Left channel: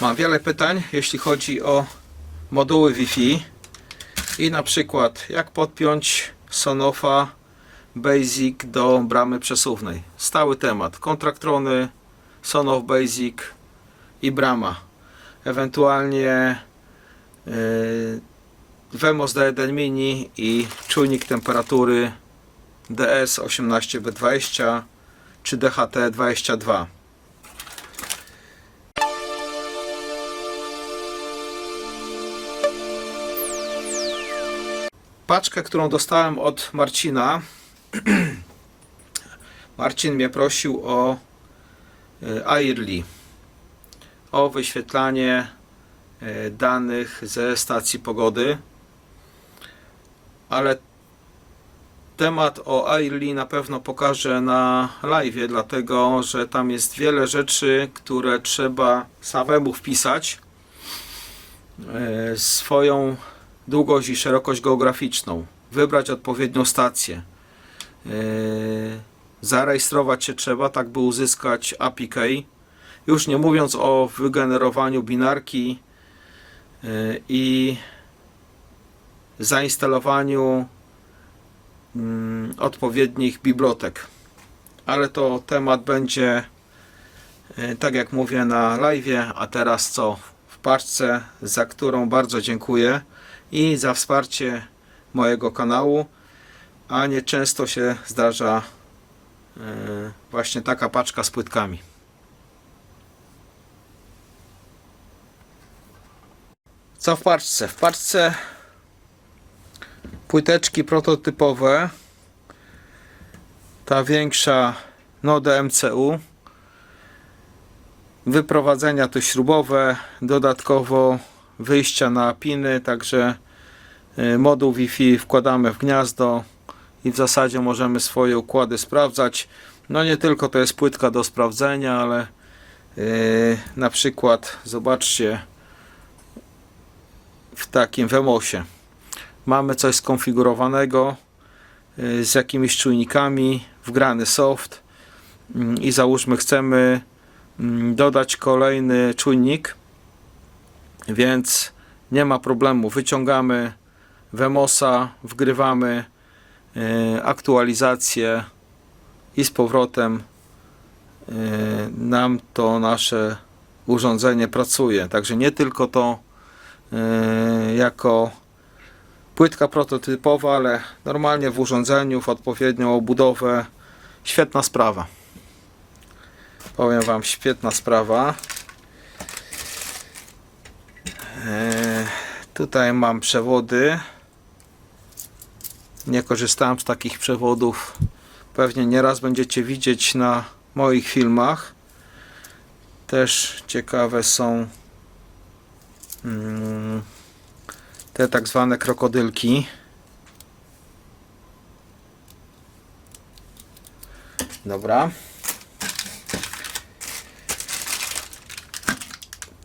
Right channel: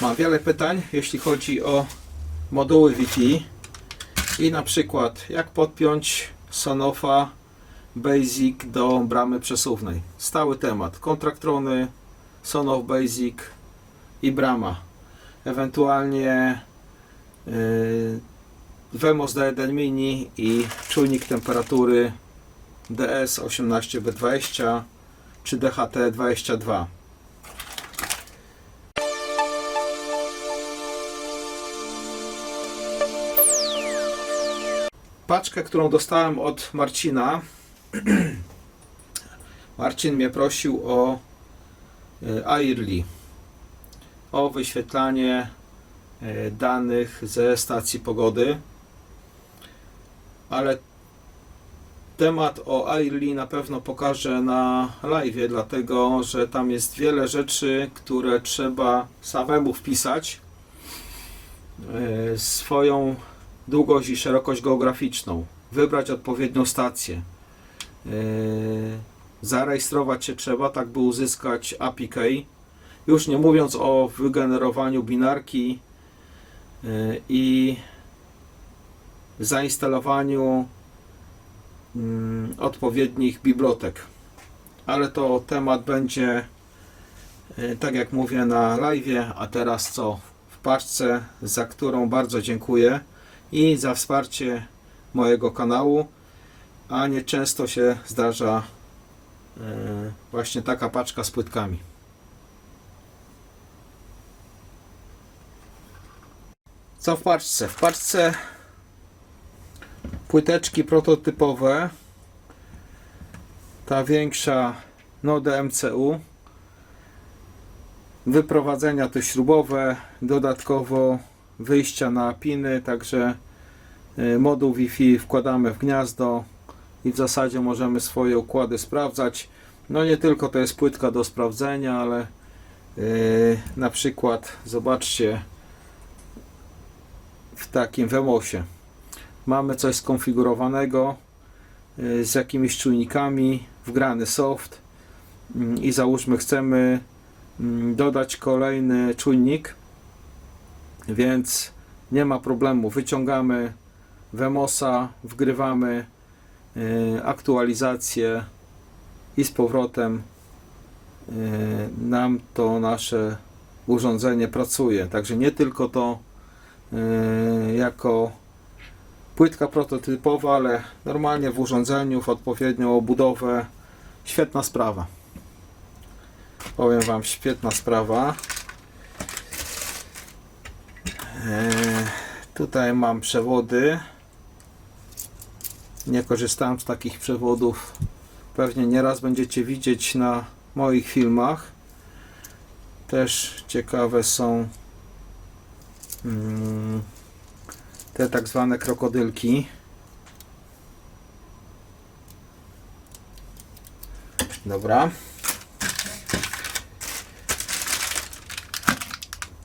Mam wiele pytań, jeśli chodzi o moduły Wi-Fi i na przykład jak podpiąć Sonofa Basic do bramy przesuwnej. Stały temat. Kontraktrony, Sonoff Basic i brama. Ewentualnie yy, Vemos D1 Mini i czujnik temperatury DS18B20 czy DHT22. Paczkę, którą dostałem od Marcina. Marcin mnie prosił o y, Airly, o wyświetlanie y, danych ze stacji pogody. Ale temat o Airly na pewno pokażę na live, dlatego że tam jest wiele rzeczy, które trzeba samemu wpisać. y, Swoją długość i szerokość geograficzną, wybrać odpowiednią stację. Yy, zarejestrować się trzeba, tak by uzyskać API. Już nie mówiąc o wygenerowaniu binarki yy, i zainstalowaniu mm, odpowiednich bibliotek. Ale to temat będzie, yy, tak jak mówię, na live, a teraz co? W paczce, za którą bardzo dziękuję i za wsparcie mojego kanału, a nie często się zdarza e, właśnie taka paczka z płytkami. Co w paczce? W paczce płyteczki prototypowe. Ta większa Node MCU. Wyprowadzenia to śrubowe, dodatkowo wyjścia na piny, także y, moduł Wi-Fi wkładamy w gniazdo i w zasadzie możemy swoje układy sprawdzać. No nie tylko to jest płytka do sprawdzenia, ale yy, na przykład zobaczcie w takim Wemosie mamy coś skonfigurowanego yy, z jakimiś czujnikami, wgrany soft yy, i załóżmy chcemy yy, dodać kolejny czujnik więc nie ma problemu. Wyciągamy Wemosa, wgrywamy e, aktualizację i z powrotem e, nam to nasze urządzenie pracuje. Także nie tylko to e, jako płytka prototypowa, ale normalnie w urządzeniu, w odpowiednią obudowę. Świetna sprawa. Powiem Wam, świetna sprawa. E, Tutaj mam przewody. Nie korzystałem z takich przewodów. Pewnie nieraz będziecie widzieć na moich filmach. Też ciekawe są mm, te tak zwane krokodylki. Dobra.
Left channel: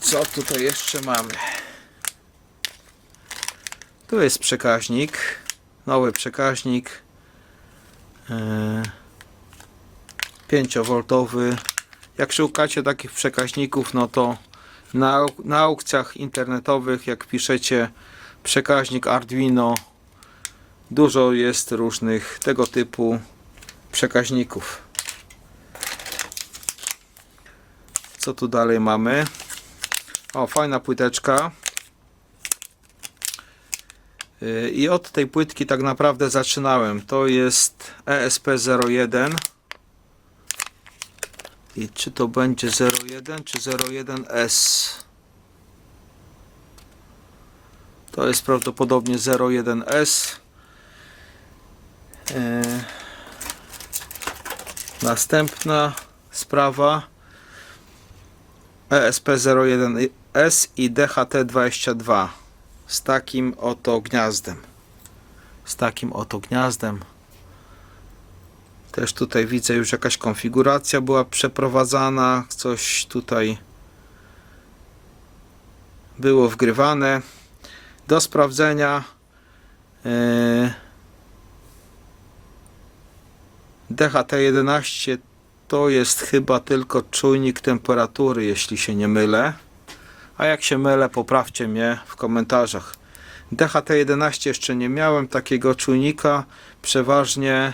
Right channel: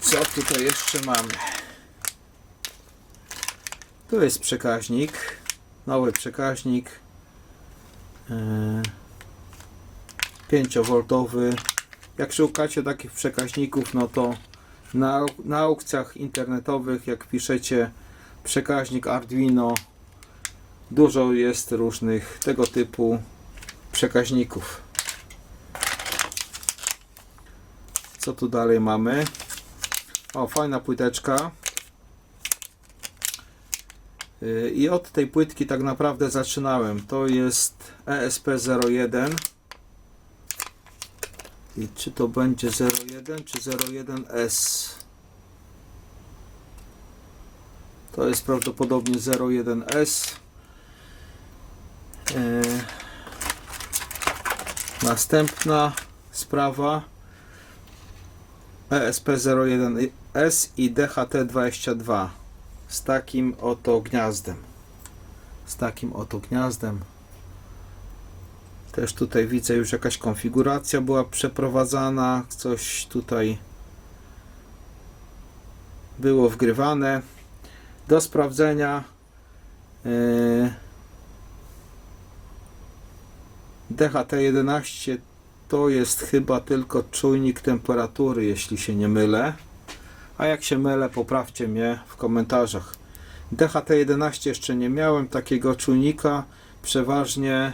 Co tutaj jeszcze mamy? Tu jest przekaźnik, nowy przekaźnik yy, 5V. Jak szukacie takich przekaźników, no to na, na aukcjach internetowych, jak piszecie przekaźnik Arduino, dużo jest różnych tego typu przekaźników. Co tu dalej mamy? O, fajna płyteczka. I od tej płytki tak naprawdę zaczynałem. To jest E ESP01. I czy to będzie 01 czy 01S? To jest prawdopodobnie 01S. Yy, Następna sprawa. E ESP01S i DHT22 z takim oto gniazdem. Z takim oto gniazdem. Też tutaj widzę już jakaś konfiguracja była przeprowadzana, coś tutaj było wgrywane. Do sprawdzenia yy, DHT11 to jest chyba tylko czujnik temperatury, jeśli się nie mylę. A jak się mylę, poprawcie mnie w komentarzach. DHT11 jeszcze nie miałem takiego czujnika. Przeważnie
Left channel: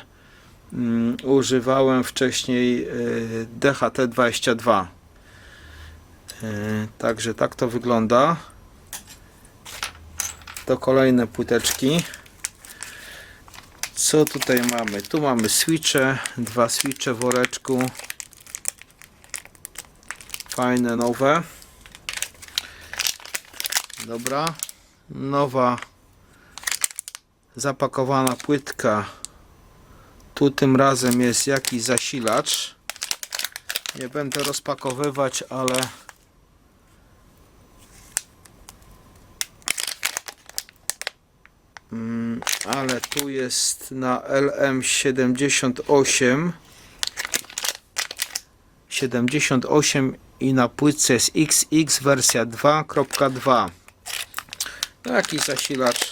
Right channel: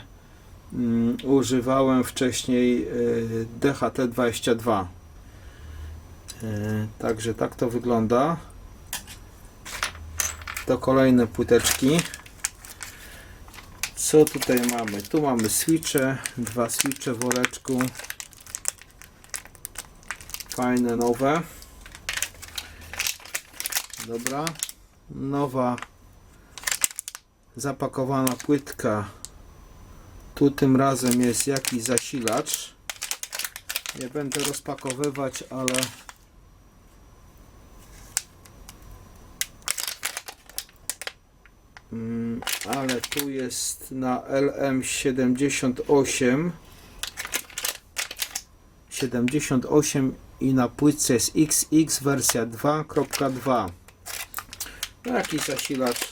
mm, używałem wcześniej y, DHT22. Y, także tak to wygląda. To kolejne płyteczki. Co tutaj mamy? Tu mamy switche, dwa switche w woreczku. Fajne, nowe. Dobra. Nowa zapakowana płytka. Tu tym razem jest jakiś zasilacz. Nie będę rozpakowywać, ale Mm, ale tu jest na LM78 78 i na płytce jest XX wersja 2.2 no jakiś zasilacz?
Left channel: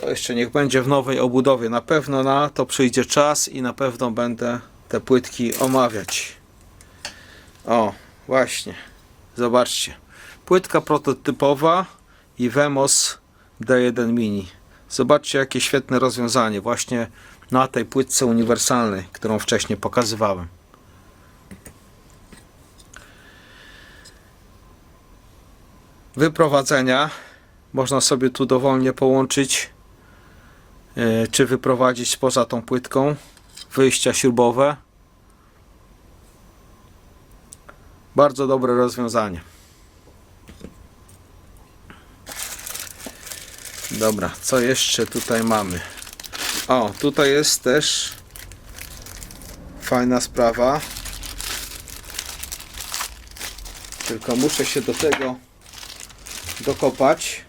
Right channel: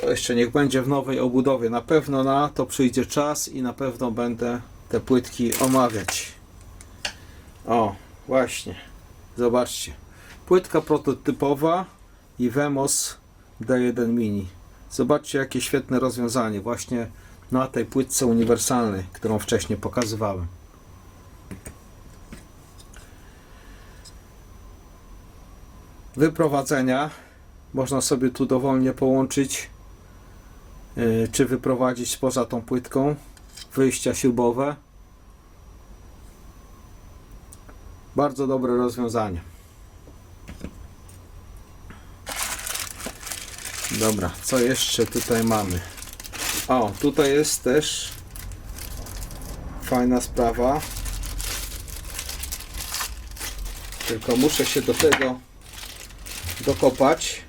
To jeszcze niech będzie w nowej obudowie. Na pewno na to przyjdzie czas i na pewno będę te płytki omawiać. O właśnie. Zobaczcie. Płytka prototypowa i Vemos D1 Mini. Zobaczcie jakie świetne rozwiązanie właśnie na tej płytce uniwersalnej, którą wcześniej pokazywałem. Wyprowadzenia można sobie tu dowolnie połączyć yy, czy wyprowadzić poza tą płytką. Wyjścia śrubowe. Bardzo dobre rozwiązanie. Dobra, co jeszcze tutaj mamy? O, tutaj jest też fajna sprawa. Tylko muszę się do tego dokopać.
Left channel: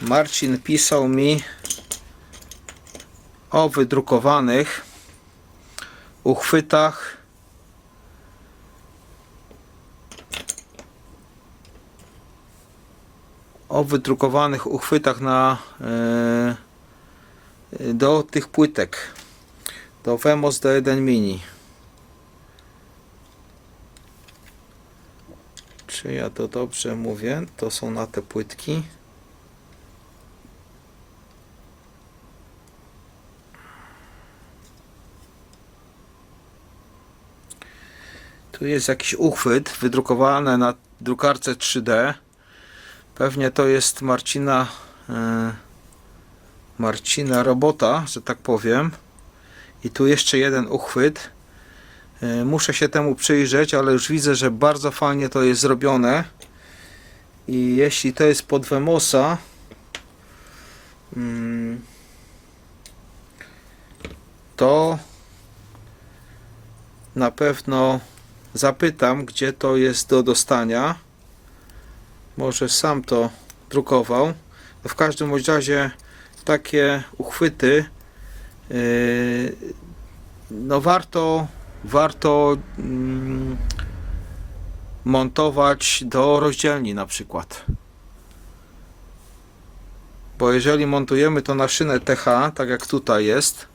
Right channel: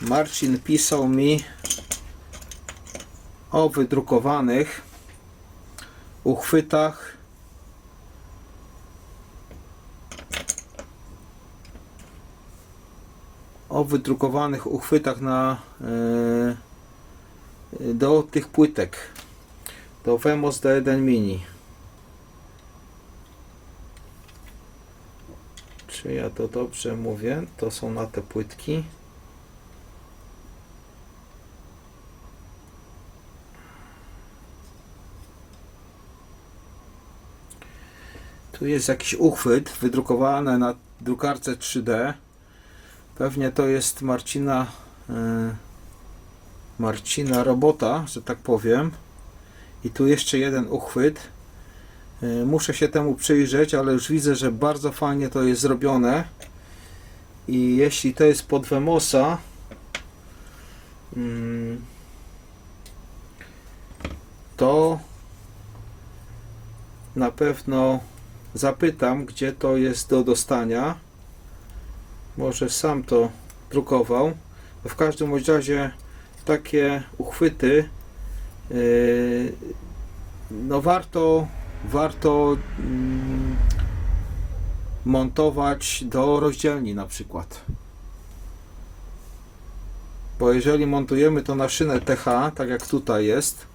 Marcin pisał mi o wydrukowanych uchwytach. O wydrukowanych uchwytach na e, do tych płytek. Do Vemos D1 Mini czy ja to dobrze mówię to są na te płytki tu jest jakiś uchwyt wydrukowany na drukarce 3D Pewnie to jest Marcina e, Marcina robota, że tak powiem. I tu jeszcze jeden uchwyt. E, muszę się temu przyjrzeć, ale już widzę, że bardzo fajnie to jest zrobione. I jeśli to jest pod Vemosa, mm, to na pewno zapytam, gdzie to jest do dostania może sam to drukował. No w każdym razie takie uchwyty yy, no warto warto mm, montować do rozdzielni na przykład. Bo jeżeli montujemy to na szynę TH, tak jak tutaj jest,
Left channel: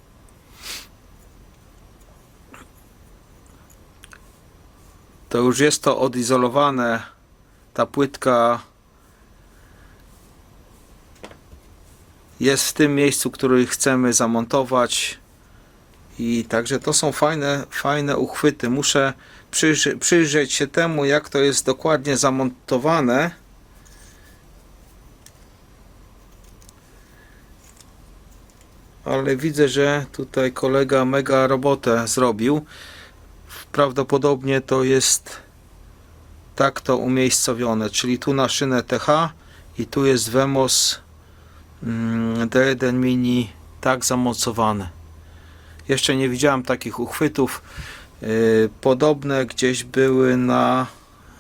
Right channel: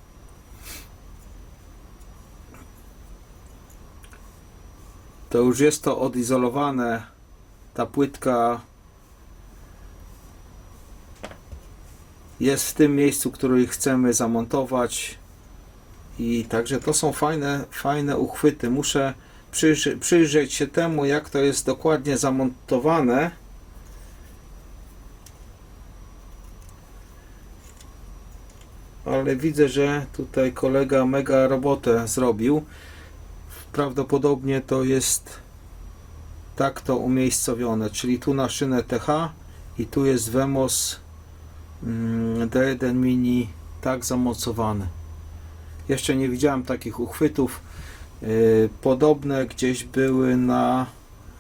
to już jest to odizolowane ta płytka jest w tym miejscu, który chcemy zamontować i także to są fajne, fajne uchwyty. Muszę przyjrzy, przyjrzeć się temu, jak to jest dokładnie zamontowane. Ale widzę, że tutaj kolega mega robotę zrobił. Prawdopodobnie to jest tak to umiejscowione, czyli tu na szynę TH i tu jest Vemos mm, D1 Mini tak zamocowane. Jeszcze nie widziałem takich uchwytów. Y, podobne gdzieś były na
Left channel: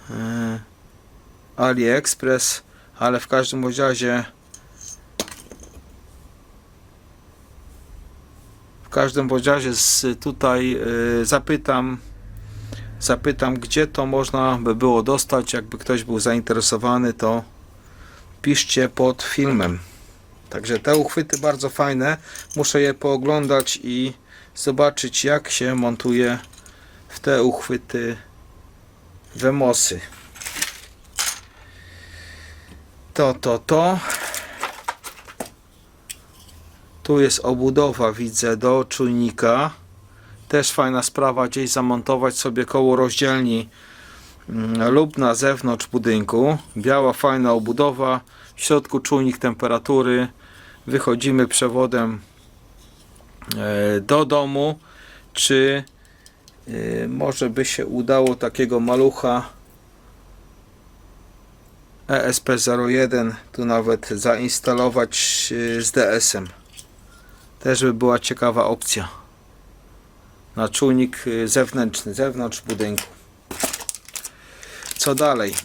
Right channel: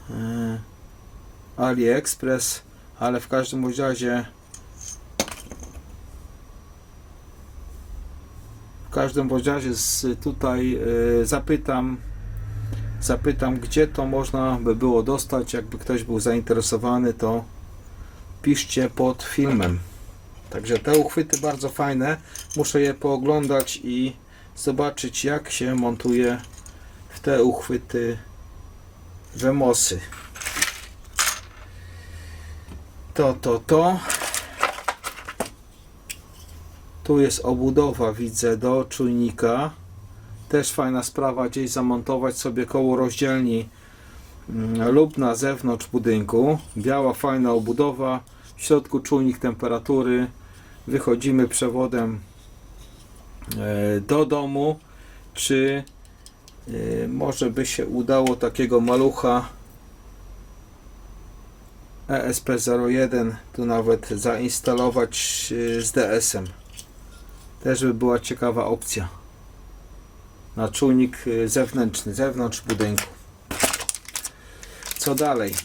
y, AliExpress, ale w każdym razie w każdym razie tutaj y, zapytam zapytam, gdzie to można by było dostać. Jakby ktoś był zainteresowany, to piszcie pod filmem. Także te uchwyty bardzo fajne. Muszę je pooglądać i zobaczyć jak się montuje w te uchwyty Wemosy. To, to, to. Tu jest obudowa, widzę, do czujnika. Też fajna sprawa, gdzieś zamontować sobie koło rozdzielni mm, lub na zewnątrz budynku. Biała, fajna obudowa. W środku czujnik temperatury. Wychodzimy przewodem do domu. Czy e, może by się udało takiego malucha E ESP01 tu nawet zainstalować e, z DS-em. Też by była ciekawa opcja. Na czujnik e, zewnętrzny, zewnątrz budynku. Co dalej?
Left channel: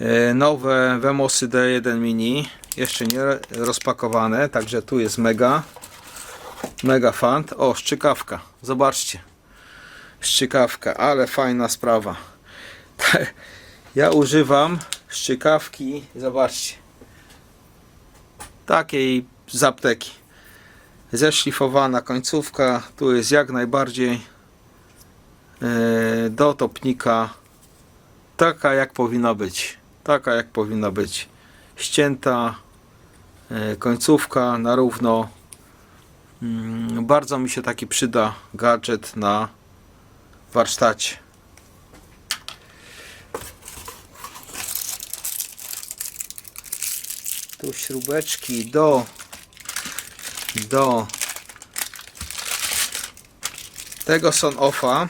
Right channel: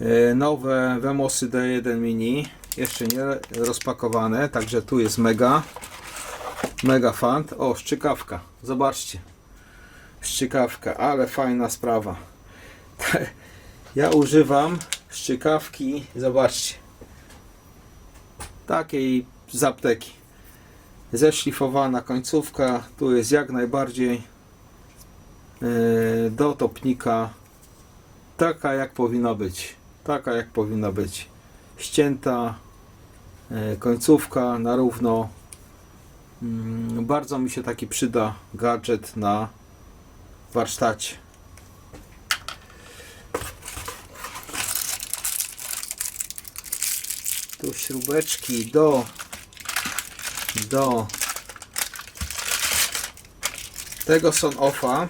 E, Nowe Wemosy D1 Mini. Jeszcze nie rozpakowane, także tu jest mega. Mega fant. O, szczykawka. Zobaczcie. Szczykawka, ale fajna sprawa. Ja używam szczykawki, zobaczcie, takiej z apteki. Zeszlifowana końcówka, tu jest jak najbardziej yy, do topnika taka jak powinna być. Taka jak powinna być. Ścięta yy, końcówka na równo. Mm, Bardzo mi się taki przyda gadżet na warsztacie. tu śrubeczki do do tego son offa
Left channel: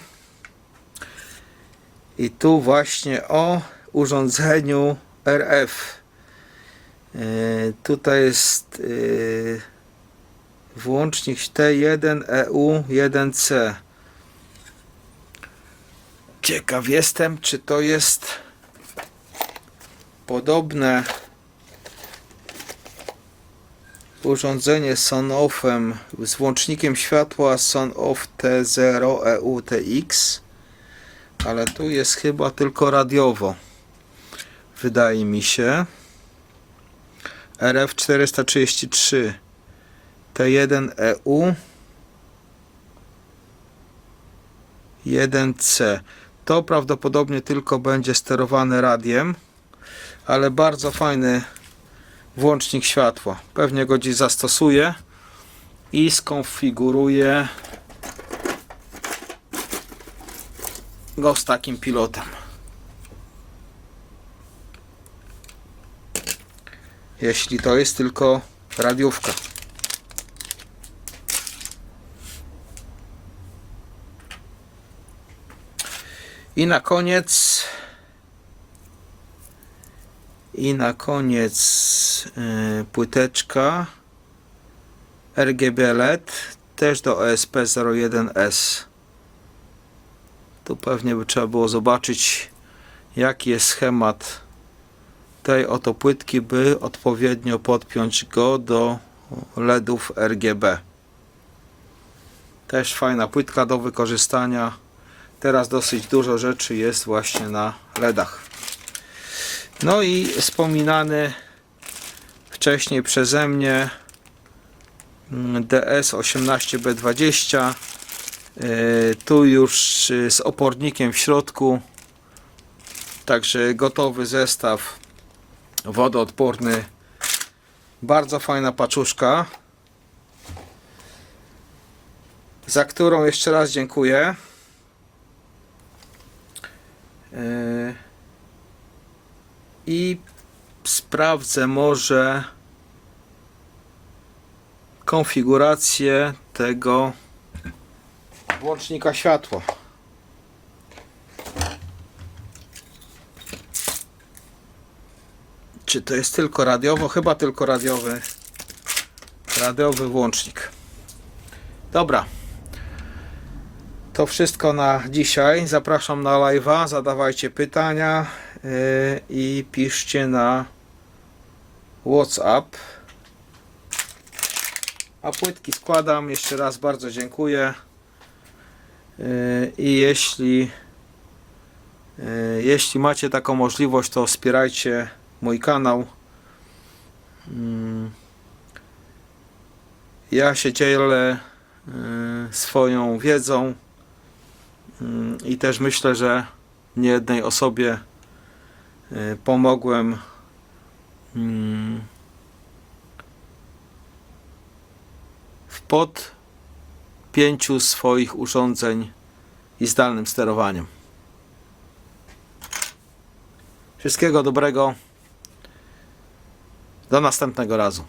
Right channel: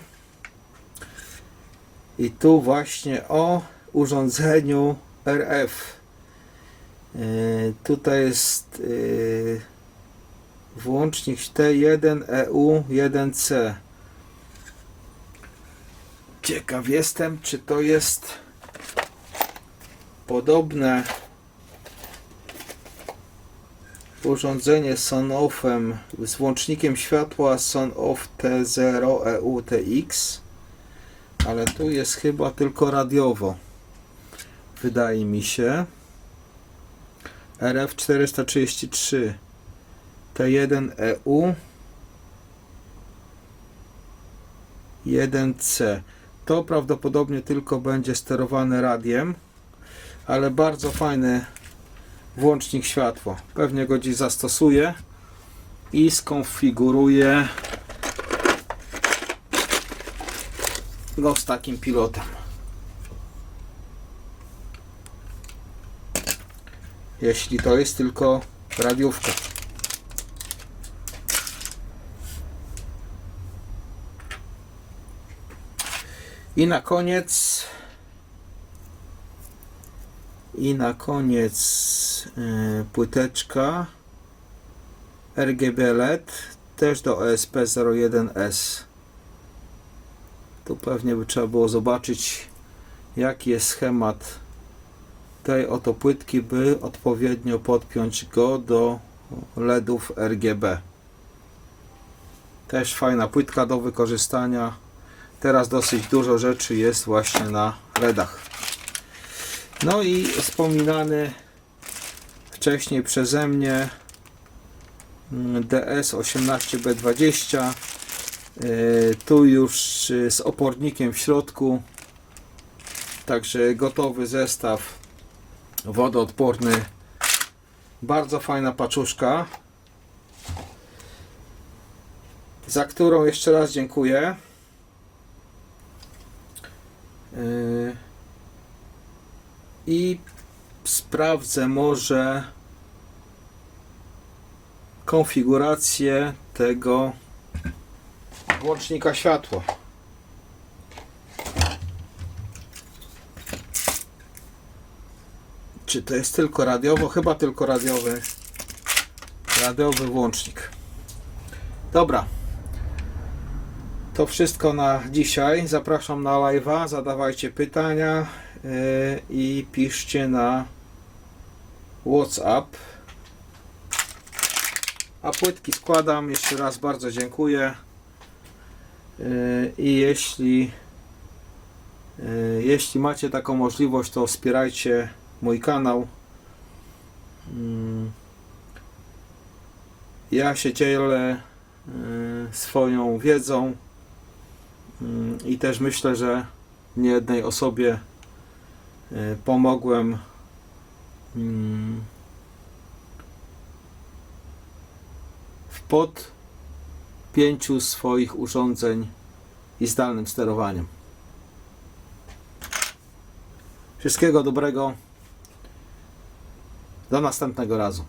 i tu właśnie o urządzeniu RF tutaj jest yy, włącznik T1EU1C ciekaw jestem czy to jest podobne urządzenie Sonoffem z włącznikiem światła Sonoff T0 EUTX ale tu jest chyba tylko radiowo wydaje mi się RF433 T1 EU 1C to prawdopodobnie tylko będzie sterowane radiem ale bardzo fajny włącznik światła. Pewnie go dziś zastosuję i skonfiguruję go z takim pilotem. Jeśli to jest tylko radiówka. I na koniec i na koniec y, płyteczka RGB LED też do ESP01S. Tu pewnie by trzeba było zobaczyć jaki jest schemat tej oto płytki, by odpowiednio podpiąć go do LEDów RGB. Też fajna płytka do wykorzystania. Teraz dosyć dużo rzeczy jest właśnie na LEDach. No i wspominany wcześniej przeze mnie mm, DS18B20 Yy, tu już yy, z opornikiem w środku także gotowy zestaw wodoodporny bardzo fajna paczuszka za którą jeszcze raz dziękuję Yy, i sprawdzę może konfigurację tego włącznika światła. Czy to jest tylko radiowo? Chyba tylko radiowy radiowy włącznik. Dobra. To wszystko na dzisiaj. Zapraszam na live'a. Zadawajcie pytania yy, i piszcie na WhatsApp. A płytki składam. Jeszcze raz bardzo dziękuję. Yy, I jeśli yy, jeśli macie taką możliwość, to wspierajcie mój kanał. Yy, Ja się dzielę y, swoją wiedzą y, i też myślę, że niejednej osobie y, pomogłem mm, w podpięciu swoich urządzeń i zdalnym sterowaniem. Wszystkiego dobrego. Do następnego razu.